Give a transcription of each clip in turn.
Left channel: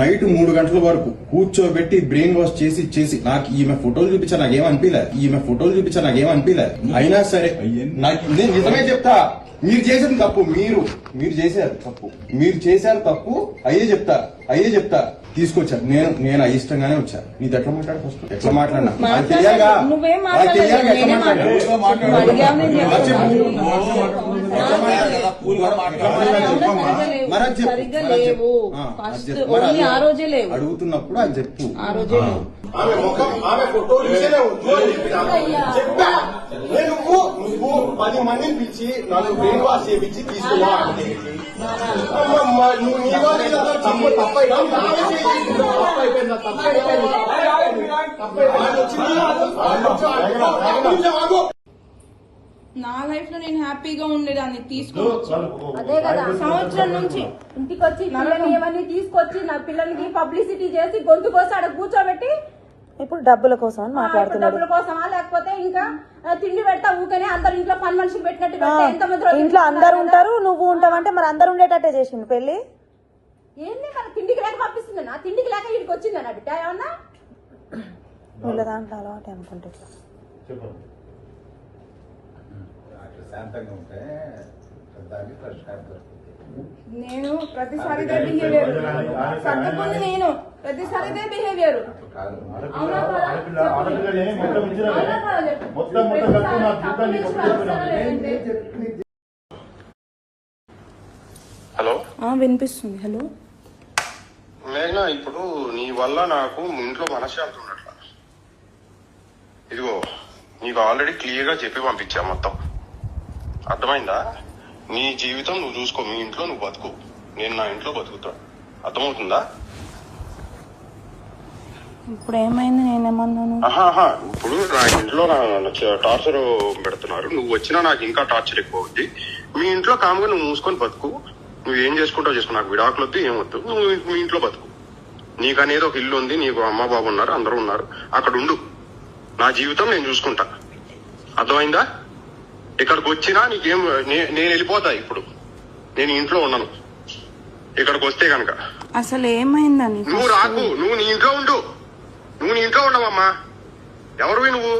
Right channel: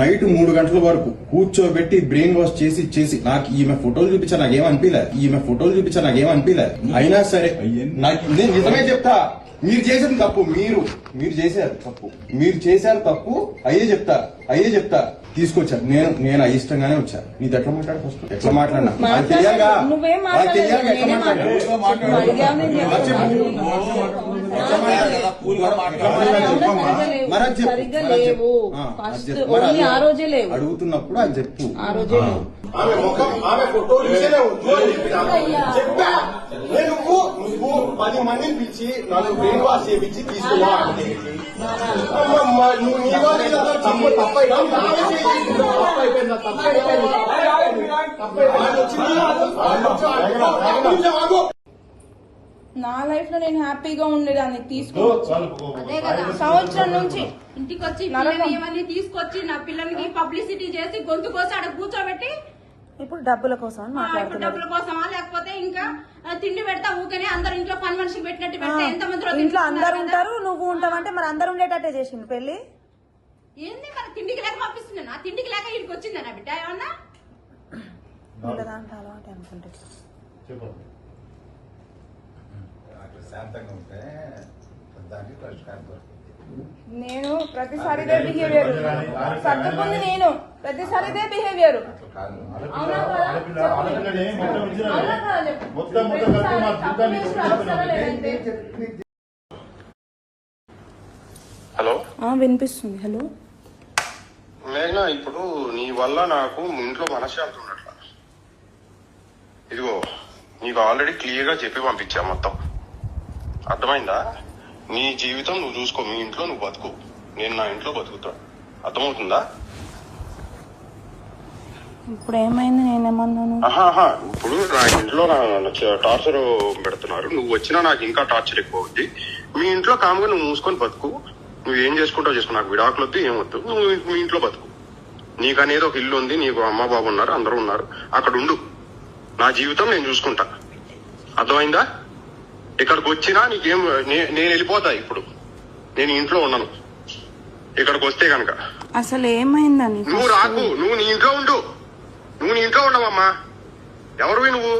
Night 3 గంటల వరకు కూర్చోబెట్టి బ్రెయిన్ వాష్ చేసి నాకు ఈమె ఫోటోలు చూపించా నాకేమనిపించలే అయినా సరే నేను నిజమే చెప్తా. మీరు చేసిన తప్పు, మీరు చేశారు తప్పు అయ్యే చెప్తా తీసుకొచ్చారు. నేను అయిష్టంగానే వచ్చా. నీతో ఎట్లా మాట్లాడు, ఫస్ట్ ఎట్లా మాట్లాడినా తెలియగా అడుగుతున్నప్పుడు అది చెప్పు. నువ్వు 10 మందిని పిలిచి నన్ను బ్రెయిన్ వాష్ చేయించి తీసుకున్నా అంటే నా లైఫ్ లో నేను హ్యాపీగా ఉండేదాన్ని తీసుకోవచ్చు. అదే కదా, సంవత్సరం నుంచి ఇంటికి వచ్చి పిల్లని ఏమని తీసుకొచ్చి నా పిల్లలకి పబ్లిసిటీ చేసి గొంతు కోసం అక్కడ కూర్చోబెట్టి ఇప్పుడు డబ్బుల కోసం మాట్లాడుతున్నారు. డబ్బుల కోసమా లేకపోతే ఇంకా తిండి పెడతా ఊకనే అందరు ఇంట్లో పని మనిషికి పెట్టినట్టు పెడతా. ఎంతమంది ఇంట్లో అందరు ఉంటారు, నువ్వు ఉంటావంటే మరి అందరు ఉండేటట్టే చేసిండు పెళ్లి. ఏంది మరి తిండికి లేక పంపిస్తుంది నా తిండికి లేక ఇక్కడికి వచ్చిందా నా బిడ్డ ఏమన్నా వీళ్ళ దాంట్లో అలవాటు అనుకుంటే. నేను ప్రతిసారి బిహేవియర్ నేను ప్రతిసారి బిహేవియర్ హలో వినిపిస్తుంది. హలో మేఘనా, ఇప్పుడు నీ వల్ల నాకు ఇంట్లో మనశ్శాంతి ఉన్నట్ల. ఇదిగో నీకు ఆల్రెడీ క్లియర్ గా చెప్పి పంపించా మొత్తం, అర్థమైందా? నీ జీవితం నువ్వు చూసుకో, మీ ఇంట్లో నువ్వు బతుకు, నేను నా ఇంట్లో బతుకుతా, అర్థమవుతుందా? ఇప్పుడు ఏమైంది, నేనేమన్నాను? ఇప్పుడు నా ఇంట్లో టార్చర్ పెడుతున్నారు, నువ్వు వచ్చినా నాకు ఇంకా టార్చర్ ఎక్కువ అవుద్ది. మీ ఇంట్లో కామ్గా నువ్వు మూసుకొని బతుకు, నువ్వు ఏం చేసుకుంటావు చేసుకో, నాకు విడాకులు వద్దు ఏమొద్దు, నువ్వు మీ ఇంట్లో బతుకు. నీకు అనేది ఒక ఇల్లు ఉంది, నీకు అమ్మ బాబు ఉన్నారు, అందరూ ఉన్నారు, అక్కడ ఉండు. నా జీవితం నేను చూసుకుంటా, అర్థమైందా? ఇక్కడికి వచ్చినా నీకేం, నేను వెళ్ళిపోతా. ఇప్పుడు నేను ఇంట్లో ఉన్నాను, ఇక్కడికి వస్తే కనుక అసలు ఏమైందని నువ్వు రాకు, నువ్వు నీ ఇంట్లో ఉండు, నువ్వు నీ ఇంట్లో ఉండవమ్మా. ఎవరివి నువ్వు?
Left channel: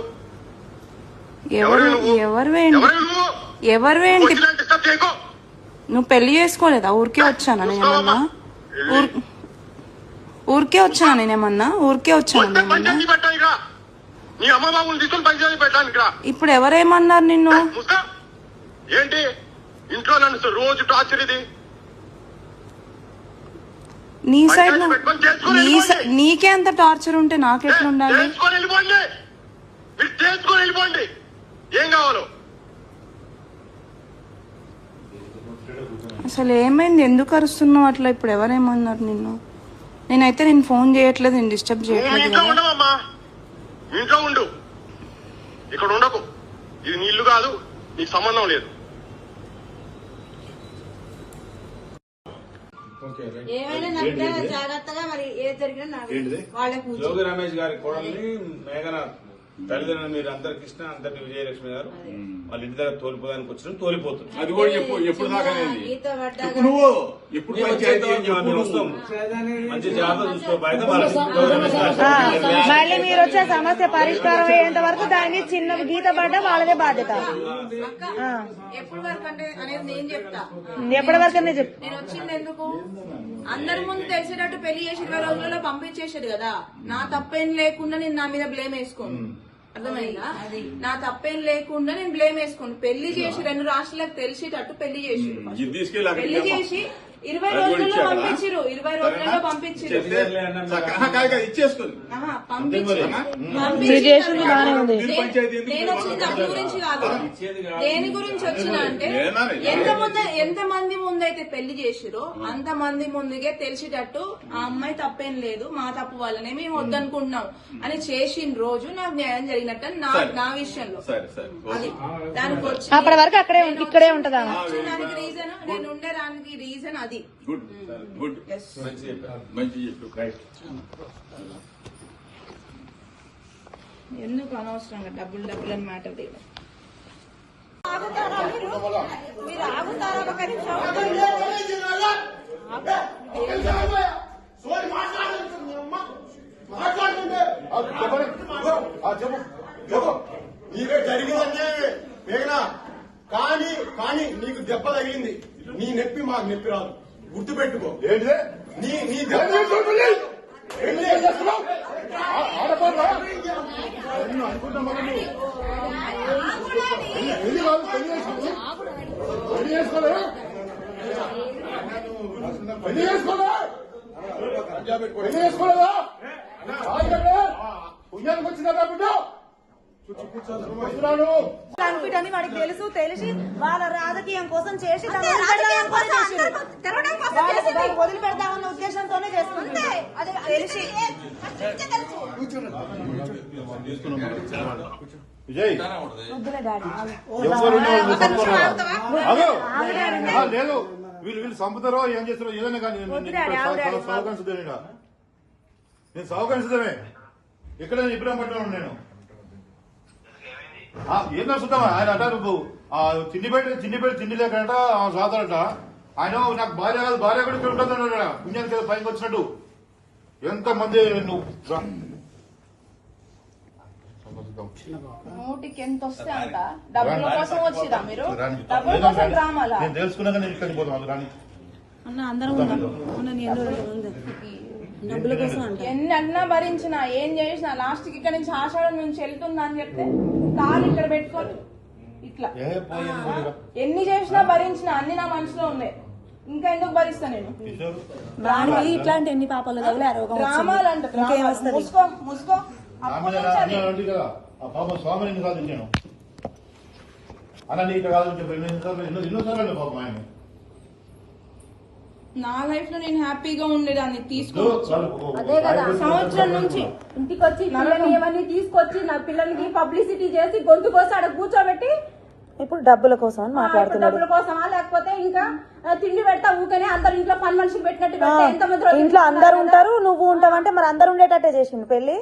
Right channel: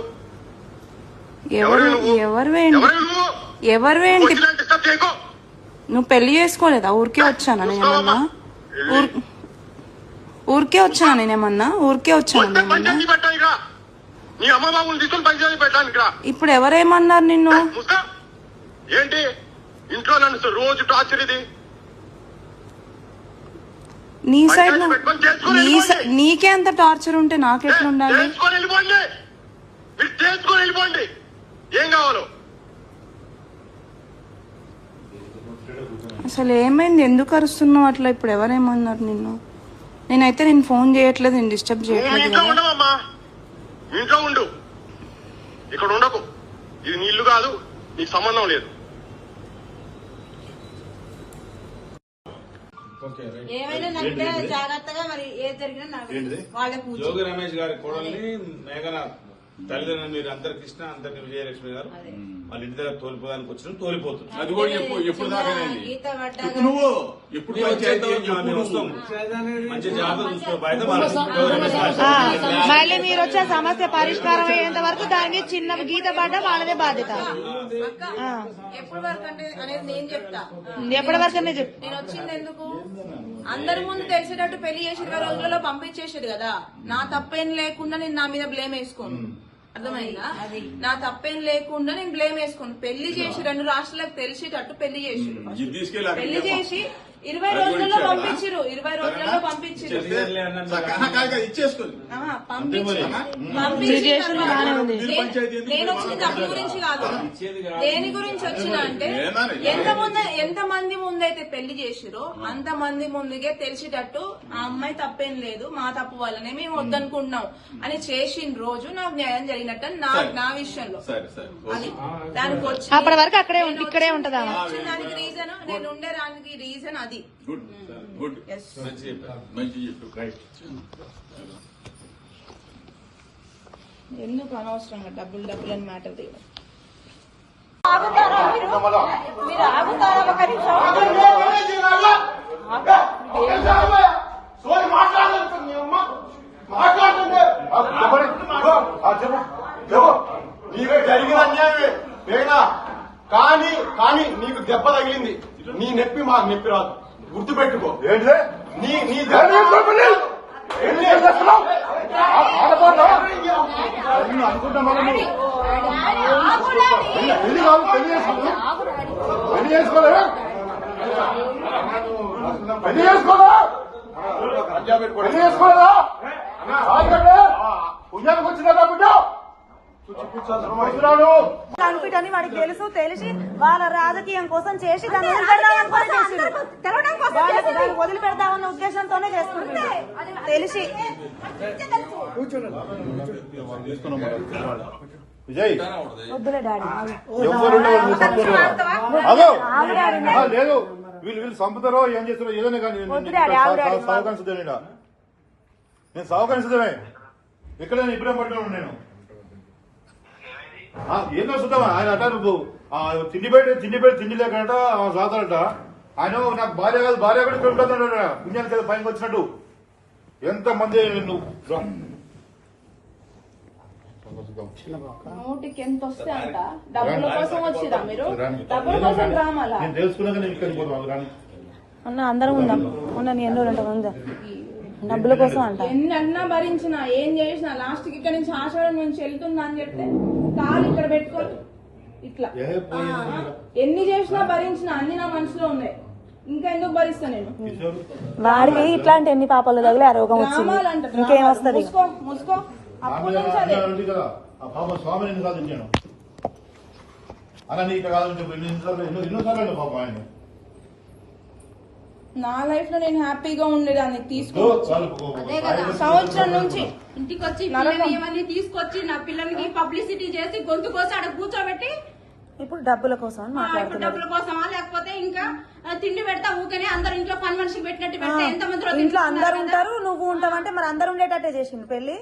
నువ్వు పెళ్లి చేసుకోలేదా? ఊరికే వచ్చానా నేనేమన్నా? ఊరికే వచ్చానా నేనేమన్నా? నీ అమ్మ బాబుని తీసుకొని పంచాయతీ పెట్టడానికి రా. ఇప్పుడు ఎవరేమన్నారు నిన్ను? ఏంటి ఇంట్లో నన్ను రోజు టార్చర్? ఇది నీ సైడ్ నీకే అంత టార్చర్ ఉంటే నాకెట్లా ఉండాలి? వెళ్ళిపోండి, ఏం కావాలో. అసలు ఏమైంది, ఎందుకు అరుస్తున్నావు అట్లా? ఇప్పుడు ఎవరేమన్నారు నిన్ను? నేనైతే నేను ఫోన్ చేయట్లేదు, నేను డిస్టర్బ్ చేయట్లేదు. ఇంట్లో ఉండు, ఇక్కడ ఉండకు. ఇది నీ ఇల్లు కాదు, నీకు సంబంధం లేదు. ఏమైనా జాగ్రత్తగా మరి ఏది జరిగినా జోగి రమేష్ గారి కోడల్ని మేఘన తల్లిదండ్రులు మీరు అందరు కృష్ణ అందరిని విజయలక్ష్మి గారు వాళ్ళ ఇంటి దగ్గర తోలిపోదానికి వచ్చిన తోలిపోతుంది. అది కూడా ఎప్పుడు దాకా నువ్వు ఎప్పుడు మంచి జాగ్రత్త చూసుకో. మళ్ళీ మీరు వచ్చే సమస్య పరిష్కారం అయ్యేంత వరకు దాని చిన్న గీత పడ్డ వాళ్ళదే బాధ్యత. ఎప్పటి వరకు అంటే అనేది నేను చెప్తా. ఎప్పటి వరకనే చెప్పు. నేను వచ్చింది ఎందుకు? అందరి ముందు తెలిసేటట్టు పెళ్లి చేసి 20 రోజులలో పంపించేసాడు కదా. నా తప్పేం లేకుండా నేను నా మీద బ్లేమ్ వేసుకోను, అర్థమైందా? నా తప్పేం లేకుండా నేను బ్లేమ్ వేసుకోను. పెళ్లి చేసి 2 రాష్ట్రాలకు తెలిసేటట్టు పెళ్లి చేసి 20 రోజుల్లో పంపించారు. 20 రోజుల్లో పంపించారు. నేను వచ్చిన డబ్బు గురించి కాదు, దేని గురించి వచ్చినా అంటే ఎంతమంది ముందైతే పెళ్లి చేసిరో అంతమంది ముందుగా తెలిసేటట్టు ఆ అమ్మాయి తప్పేం లేదు, మా తప్పు వల్లనే మేము వద్దనుకుంటున్నాం అని చేసిన రోజు నాకు న్యాయం జరిగినట్టు నా విషయంలో. దానికి వచ్చి అప్పటి వరకు ఇక్కడే ఉంటదా? దానికి రీజన్ నేను ఉండేదానికి రీజన్ అది. ఎందుకు అనవసరంగా డబ్బులు అని మ్యాటర్ దిగ. మీరు ఆగుతారా? ఒక నిమిషం గుర్తు పెట్టుకో. ఏంటిదే నీ నీ ఏంటి చేస్తున్నావు? ఆడపోతా అనుకుంటున్నావు నువ్వు? పెళ్లి కాదు, పెళ్లి చేసుకోలేదు, పెళ్లి చేసుకోలేదా, పెళ్లి చేసుకోలేదా, పెళ్లి చేసుకోలేదా? పుణ్యానికి వచ్చిందా బిడ్డ? అని వాడికి తెలుసు, తెలిసి వాళ్ళ రాజకీయం కోసం చేసి రాజకీయం కోసం అందరూ తెలవడం కోసం చేసింది. వదిలిపెడతామన్న ఉద్దేశంతోనే చేస్తుంది. తెలిసి విజయ్ వద్దులే డాడీ. లేదు, వీళ్ళు చంపుతారో ఏం చేస్తారో ఏదైనా కానీ సావకాశం సిద్ధమేనా? నేను సావకాశం సిద్ధమే. ఇక్కడ ఇప్పుడే పట్టుకున్నాను నేను. ఏంటో చూద్దామా ఆయన అట నువ్వు తిండి లేకట సాతాడట. ఆయన నాకు భార్య కాదు, భార్య కూడా ఇక్కడ ఉంటుంది పుణ్యానికి కదా పైకి వచ్చినట్టు. ఎంత మంది నువ్వు నూటికి ఎంత వస్తే అంట డబ్బుల కోసం వచ్చిరా మీరు? డబ్బుల కోసం రామాలా? నేను తెలుసుకున్నా కానీ ఇక్కడికి పోతాను. అన్న అందరం ఉందాం. ఉన్న నీ ఎన్నో ఉందా డబ్బుల కోసం అంట. ఎన్ని అన్నా భరించినా ఏం చేసినా లాస్ట్ కి ఇక్కడ నుంచి ఆషాఢం నుంచి వెళ్తుందా అని చెప్తే తాళి ఇక్కడ పెట్టుకొని ఇట్లా ఎన్ని చేసినా భరించినా అన్ని నా మనసులో ఉన్నాయి. ఇంకా ఎందుకు భరిస్తా నేను? వాడికి ఇట్లాంటి ఎన్ని పాపాలు తగిలి ఆ రోగం వచ్చింది, ఇంకేం వస్తుంది? ముసుకో స్వామిని కాదు నేను అన్న నీకు కాదని చెప్పి ఎన్నోసార్లు పాపం ఆయన. నా లైఫ్ లో నేను హ్యాపీగా ఉండేదాన్ని తీసుకోవచ్చు. అదే కదా సంవత్సరం నుంచి ఇంటికి వచ్చి పిల్లని ఏమని తీసుకొచ్చి నా పిల్లలకి పబ్లిసిటీ చేసి గొంతు కోసి అక్కడ కూర్చోబెట్టి ఇప్పుడు డబ్బుల కోసం అని మాట్లాడుతున్నారు. డబ్బుల కోసమా లేకపోతే ఇంకా తిండి పెడతా ఊకనే అందరు ఇంట్లో పని మనిషికి పెట్టినట్టు పెడతా ఎంతమంది ఇంట్లో అందరు ఉంటారు, నువ్వు ఉంటావంటే మరి అందరు ఉండేటట్టే చేసిండు పెళ్లి.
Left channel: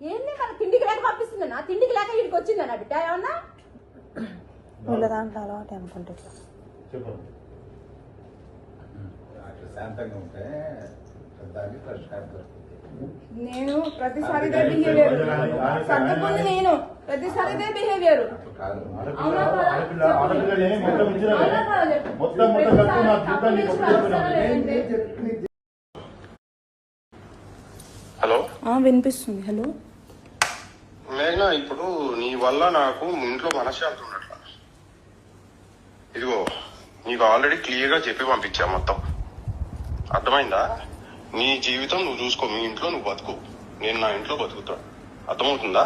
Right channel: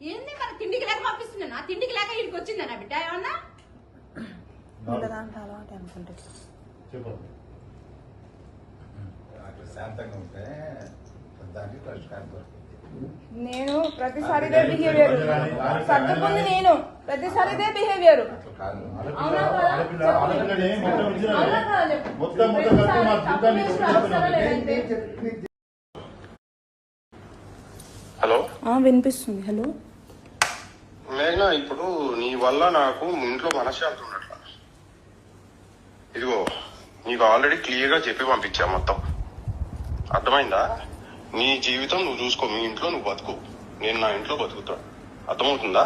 ఏంది మరి తిండికి లేక పంపిస్తుంది నా తిండికి లేక ఇక్కడికి వచ్చిందా నా బిడ్డ ఏమన్నా? వీళ్ళ దాంట్లో అలవాటు అనుకుంటే నేను ప్రతిసారి ఇదే బిహేవియర్ సర్దుకుంది, నేను ప్రతిసారి ఇదే బిహేవియర్. హలో వినిపిస్తుంది. హలో మేఘనా, ఇప్పుడు నీ వల్ల నాకు ఇంట్లో మనశ్శాంతి ఉన్నట్ల. ఇదిగో నీకు ఆల్రెడీ క్లియర్ గా చెప్పి పంపించా మొత్తం, అర్థమైందా? నీ జీవితం నువ్వు చూసుకో, మీ ఇంట్లో నువ్వు బతుకు, నేను నా ఇంట్లో బతుకుతా, అర్థమవుతుందా?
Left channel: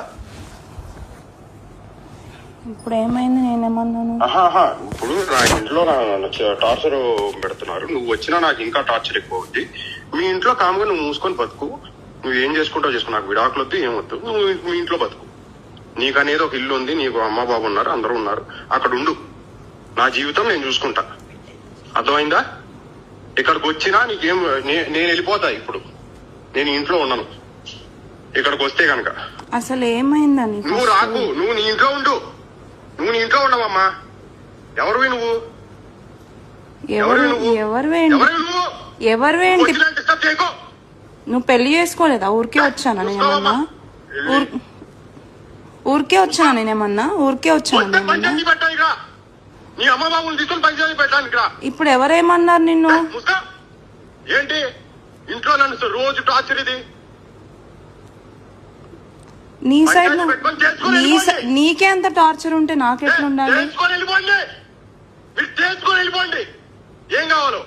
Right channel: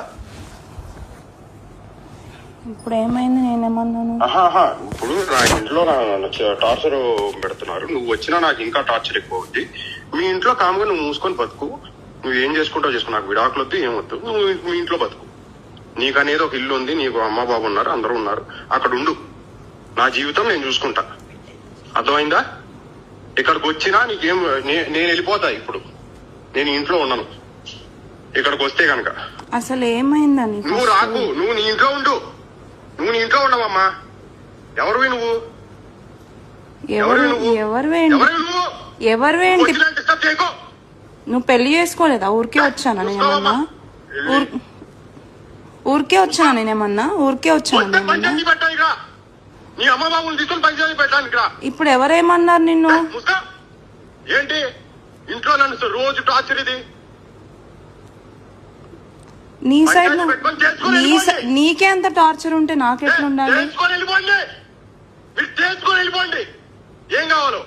ఇప్పుడు ఏమైంది? నేనేమన్నాను? ఇప్పుడు నా ఇంట్లో టార్చర్ పెడుతున్నారు, నువ్వు వచ్చినా నాకు ఇంకా టార్చర్ ఎక్కువ అవుద్ది. మీ ఇంట్లో కామ్గా నువ్వు మూసుకొని బతుకు, నువ్వు ఏం చేసుకుంటావు చేసుకో, నాకు విడాకులు వద్దు ఏమొద్దు, నువ్వు మీ ఇంట్లో బతుకు. నీకు అనేది ఒక ఇల్లు ఉంది, నీకు అమ్మ బాబు ఉన్నారు, అందరూ ఉన్నారు, అక్కడ ఉండు. నా జీవితం నేను చూసుకుంటా, అర్థమైందా? ఇక్కడికి వచ్చినా నీకేం నేను వెళ్ళిపోతా. ఇప్పుడు నేను ఇంట్లో ఉన్నాను, ఇక్కడికి వస్తే కనుక అసలు ఏమైందని నువ్వు రాకు, నువ్వు నీ ఇంట్లో ఉండు, నువ్వు నీ ఇంట్లో ఉండవమ్మా. ఎవరివి నువ్వు? ఎవరు ఏంటి? నువ్వు పెళ్లి చేసుకోలేదా? ఊరికే వచ్చానా నేనేమన్నా? ఊరికే వచ్చానా నేనేమన్నా? ఊరికే వచ్చాను నేనేమన్నా? నీ అమ్మ బాబుని తీసుకొని పంచాయతీ పెట్టడానికి రా. ఇప్పుడు ఎవరేమన్నారు నిన్ను? ఏంటి ఇంట్లో నన్ను రోజు టార్చర్? ఇది నీ సైడ్ నీకే అంత టార్చర్ ఉంటే నాకెట్లా ఉండాలి? తెలుసుకొని వెళ్ళిపోండి, మీరు తెలుసుకొని వెళ్ళిపోండి, ఏం కావాలో.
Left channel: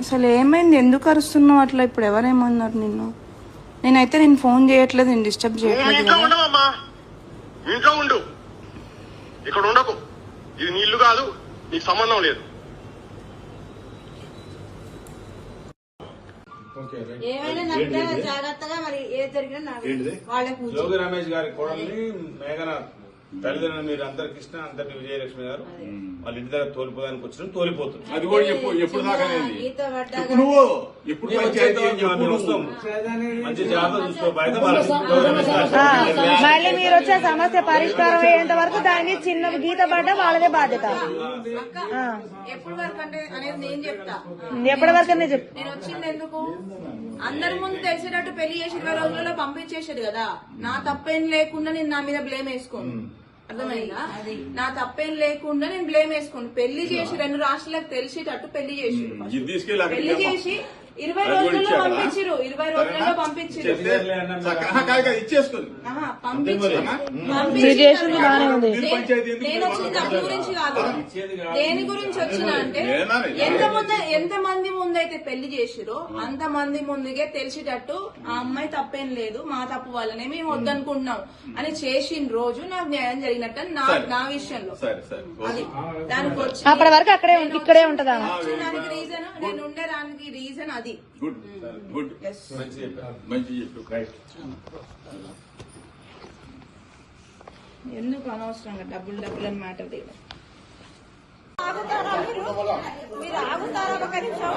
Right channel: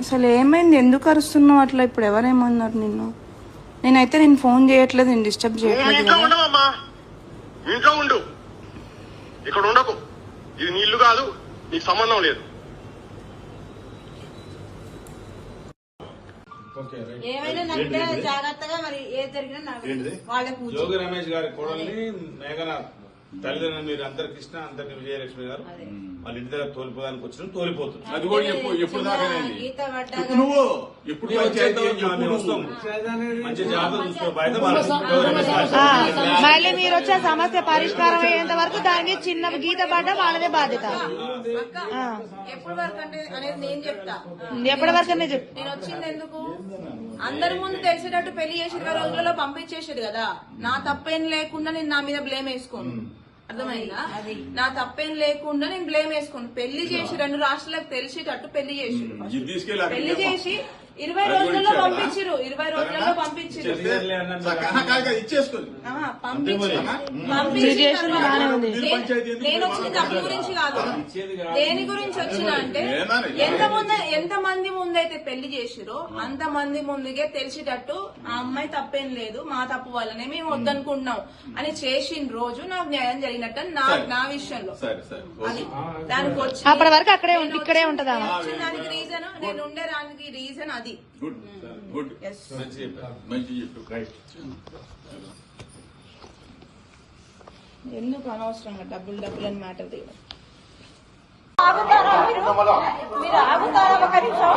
అసలు ఏమైంది? ఎందుకు అరుస్తున్నావు అట్లా? ఇప్పుడు ఎవరేమన్నారు నిన్ను? నేనైతే నేను ఫోన్ చేయట్లేదు, నేను డిస్టర్బ్ చేయట్లేదు. ఇంట్లో ఉండవమ్మా, ఇంట్లో ఉండు, ఇక్కడ ఉండకు. ఇది నీ ఇల్లు కాదు, నీకు సంబంధం లేదు. ఏమైనా జాగ్రత్తగా మరి ఏది జరిగినా వాళ్ళకి జోగి రమేష్ గారి కోడల్ని మేఘనాథ్ తల్లిదండ్రులు మీరు అందరు కృష్ణ అందరిని విజయలక్ష్మి గారు వాళ్ళ ఇంటి దగ్గర తోలిపోదానికి వచ్చిన తోలిపోతుంది. అది కూడా ఎప్పుడు దాకా నువ్వు ఎప్పుడు మంచి జాగ్రత్త చూసుకో. బయట మళ్ళీ మీరు వచ్చే సమస్య పరిష్కారం అయ్యేంత వరకు దాని చిన్న గీత పడ్డ వాళ్ళదే బాధ్యత. ఎప్పటి వరకు అంటే అనేది నేను చెప్తా. ఎప్పటి వరకనే చెప్పు. నేను వచ్చింది ఎందుకు? అందరి ముందు తెలిసేటట్టు పెళ్లి చేసి 20 రోజులలో పంపించేసాడు కదా, నా తప్పేం లేకుండా నేను నా మీద బ్లేమ్ వేసుకోను. అర్థమైందా? నా తప్పేం లేకుండా నేను బ్లేమ్ వేసుకోండి. పెళ్లి చేసి 2 రాష్ట్రాలకు తెలిసేటట్టు పెళ్లి చేసి ఇది తీసుకెళ్ళి అక్కడికి పెళ్లి చేసి 20 రోజుల్లో పంపించారు. 20 రోజుల్లో పంపించారు. ఇచ్చేసుకుని మీరు చేసింది బానే ఉంది. నేను వచ్చిన డబ్బు గురించి కాదు, దేని గురించి వచ్చినా అంటే ఎంత మంది ముందైతే పెళ్లి చేసిరో అంత మంది ముందుగే తెలిసేటట్టు ఆ అమ్మాయి తప్పేం లేదు, మా తప్పు వల్లనే మేము వద్దనుకుంటున్నాం అని చేసిన రోజు నాకు న్యాయం జరిగినట్టు నా విషయంలో. అది దానికి వచ్చి అప్పటి వరకు ఇక్కడే ఉంటదా? దానికి రీజన్ నేను ఉండేదానికి రీజన్ అది. గుడ్ గుడ్ మంచి చెప్పారు, మంచి చెప్పారు. ఎందుకు అనవసరంగా డబ్బులు అని మ్యాటర్ దిగ మీరు ఆగుతారా? ఒక నిమిషం.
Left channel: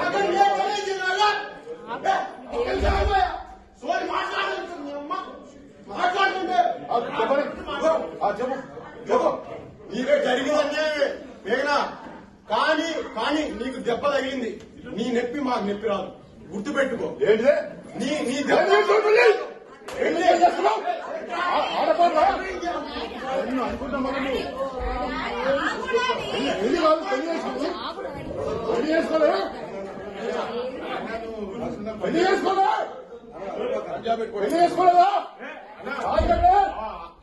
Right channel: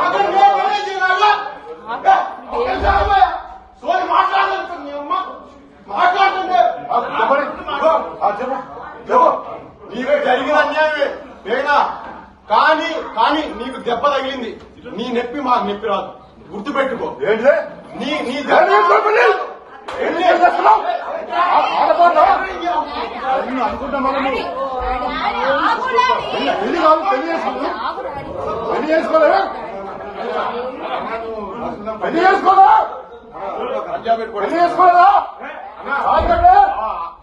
నీవే జరిగిన అన్యాయమే వేగనా, కానీ నీకు దెబ్బ తగిలింది. నీ నొప్పి మాకు నొప్పి రాదు, గుర్తు పెట్టుకో.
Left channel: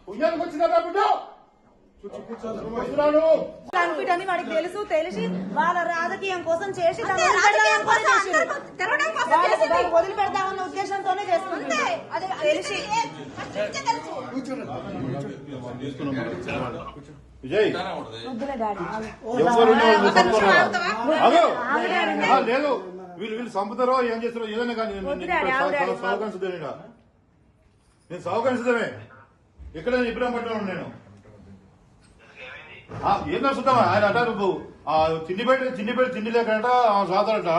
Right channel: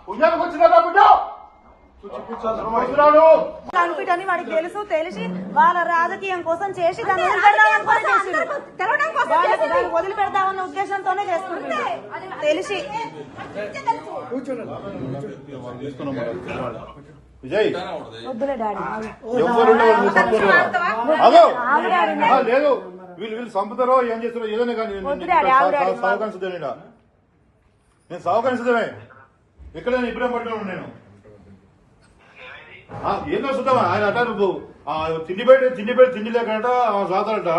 పుణ్యానికి వచ్చిందా బిడ్డ అని వాడికి తెలుసు, తెలిసి వాళ్ళ రాజకీయం కోసం చేసి వదిలిపెడతామన్న ఉద్దేశంతోనే చేస్తుంది. తెలిసి విజయ్ లేదు, వీళ్ళు చంపుతారో ఏం చేస్తారో ఏదైనా కానీ సహకరించదేనా, నేను సహకరించదమే. ఇక్కడ ఇప్పుడే పట్టుకున్నాను నేను. ఏంటో చూద్దామా ఆయన అట నువ్వు తిండి లేకట సాతాడట.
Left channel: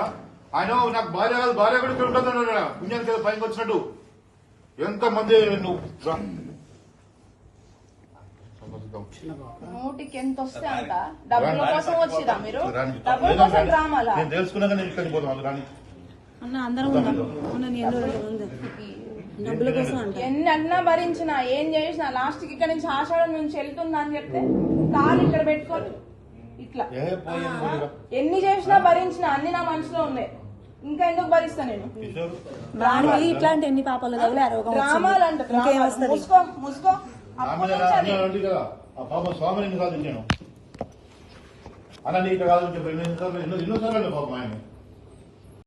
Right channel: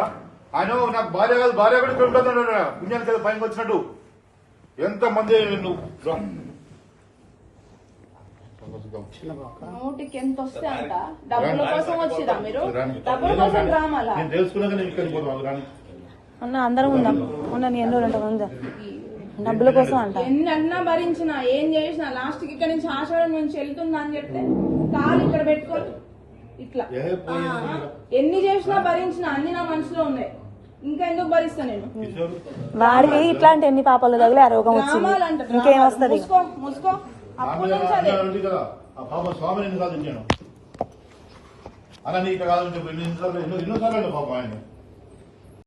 ఆయన నాకు భార్య కాదు, భార్య కూడా ఇక్కడ ఉంటుంది పుణ్యానికి కదా పైకి వచ్చినట్టు. ఎంత మంది నువ్వు నూటికి ఎంత వస్తే అంత డబ్బుల కోసం వచ్చిరా మీరు? డబ్బుల కోసం రామాలా? నేను తెలుసుకున్నా కానీ ఇక్కడికి పోతాం. అన్న అందరం ఉందాం. నీ ఎన్నో ఉందా? డబ్బుల కోసం అంట. ఎన్ని అన్నా భరించిన ఏం చేసినా లాస్ట్ కి ఇక్కడ నుంచి ఆషాఢం నుంచి వెళ్తుందా అని చెప్తే కాలు ఇక్కడ పెట్టుకొని ఇట్లా ఎన్ని చేసినా భరించిన అన్ని నా మనసులో ఉన్నాయి. ఇంకా ఎందుకు భరిస్తా నేను? వాడికి ఇట్లాంటి ఎన్ని పాపాలు తగిలి ఆ రోగం వచ్చింది, ఇంకేం వస్తుంది? ముసుకో స్వామిని కాదు నేను అన్న నీకు కాదని చెప్పి ఎన్నోసార్లు పాపం ఆయన